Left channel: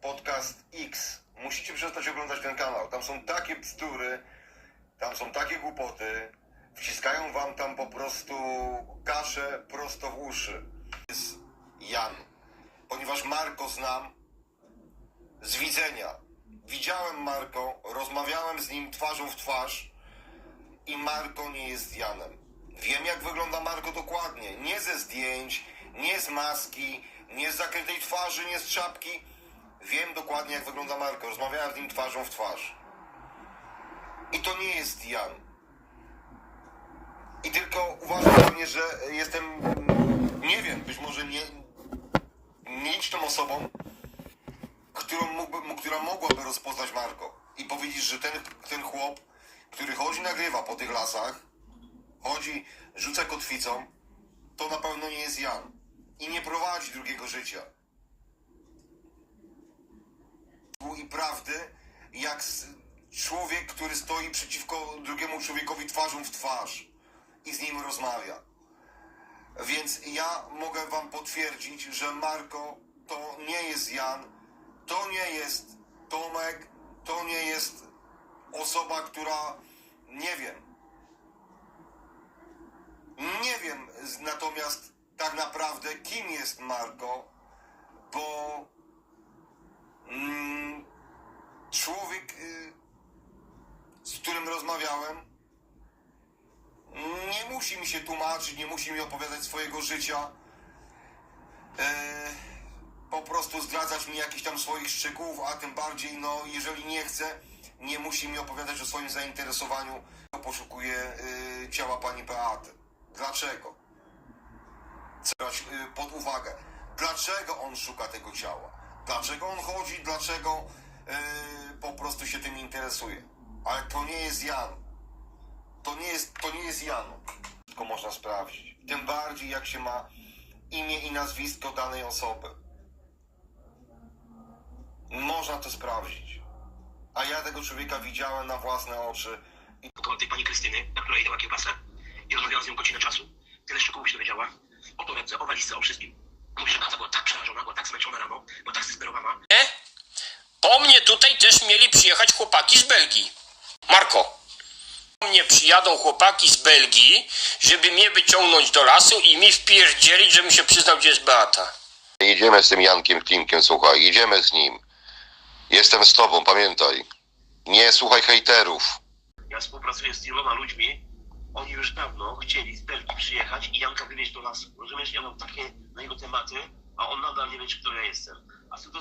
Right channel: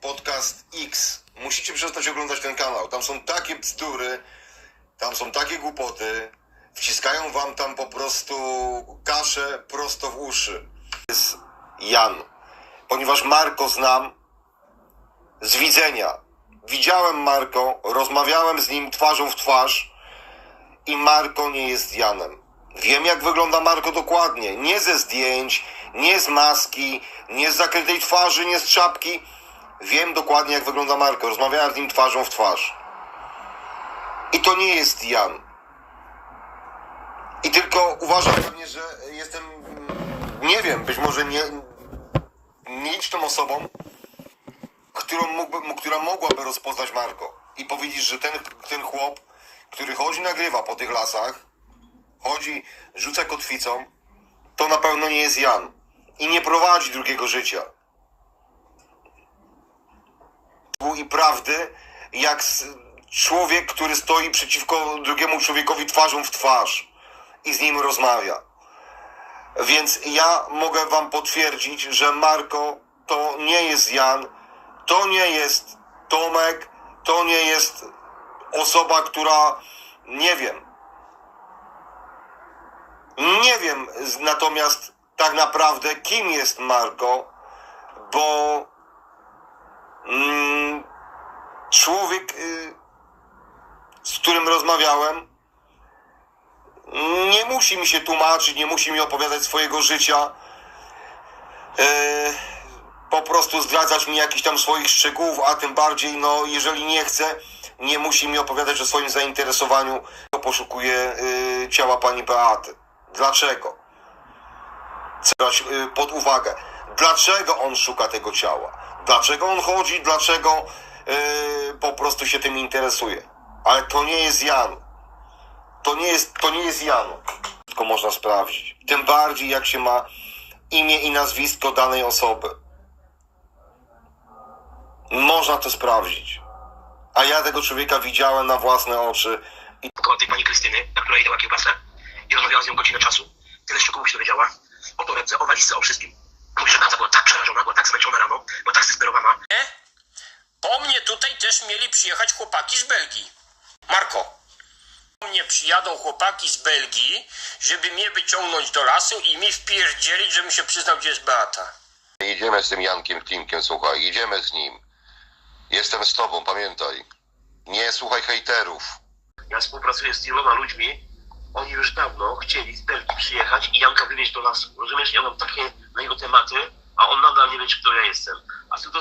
Podcast X. Musicie przestać oglądać ten kanał. Tam są takie bzdury, tam są takie głupoty. Wciskają wam tam po prostu kaszę prosto w uszy. Jest Jan. Ponieważ Marko znam z widzenia. Widziałem Marko, rozmawiałem z nim twarzą w twarz i Marko nie jest Janem. Wiem, jak wygląda Marko dokładnie. Nie ze zdjęć, nie z maski, nie z zakrytej twarzy, nie z czapki. Wiem dokładnie, jak wygląda Marko. Rozmawiałem z nim twarzą w twarz. I to nie jest Jan. I tylko uważam pewnie, że jestem, nie wiem, być może nie, nieliczną osobą, którą mógłby, która mogłaby rozpoznać Marko i powiedzieć, że ten, ten chłop, który chodzi, nagrywa po tych lasach, chodzi, rzuca kotwicą, to na pewno nie jest Jan i nie prowadzi drugiego życia. I prawdy, jak człowiek, który stoi przeciwko drugiemu człowiekowi twarzą w twarz i z nim rozmawia. Więc ja mogę wam potwierdzić, że Marko to nie jest Jan, to nie jest Tomek, to nie jest osoba, która nie wiem. Nie wiem natomiast tak naprawdę kim jest Marko, bo mm, człowiek, y, z którym rozmawiałem, nie musi mi się tłumaczyć, nie musi mi opowiadać swojego życia. E, po prostu zdradzać mi jakichś tam swoich szczegółów, a tym bardziej, no, jeżeli nie chce, nie musi mi opowiadać o swoim zainteresowaniu. Poszukuje y, ciała pani Beaty. Dlaczego? Chcę y, pod uwagę. Dlaczego on szuka tego ciała? Dlaczego on chodzi? Dlaczego y, po prostu się tym interesuje? Ale to nie jest Jan. To nie jest, to nie jest Jan. Tylko można sprawdzić. Tym bardziej jak się ma imię i nazwisko danej osoby. Można to sprawdzić. A ja tego człowieka widziałem na własne oczy. I tej pani Krystyny, na której dała kiełbasę i rozmawiałam z nią godzinę czasu. Tyle szczegółów się dowiedziała. O torebce, o walizce, o wszystkim. Mówi, że Beata była tak przerażona, była tak zmęczona rano, była tak zdesperowana. Nie? Po mnie tutaj też mieli przyjechać chłopaki z Belgii. Marko. Po mnie przyjadą chłopaki z Belgii, żeby mnie wyciągnąć do lasu i mi wpierdzielić, żebym się przyznał, gdzie jest Beata. Jedziemy z tym Jankiem Klimkiem, słuchaj, jedziemy z nim. Jestem z tobą, pamiętaj. Nie słuchaj hejterów. Ja współpracuję z wieloma ludźmi. Oni już dawno chcieli z Belgii przyjechać i Janka wywieźć do lasu. Rozumiesz, ja mam takie na jego tematy, a on nadal nie wie, kto ja jestem. A Zenka,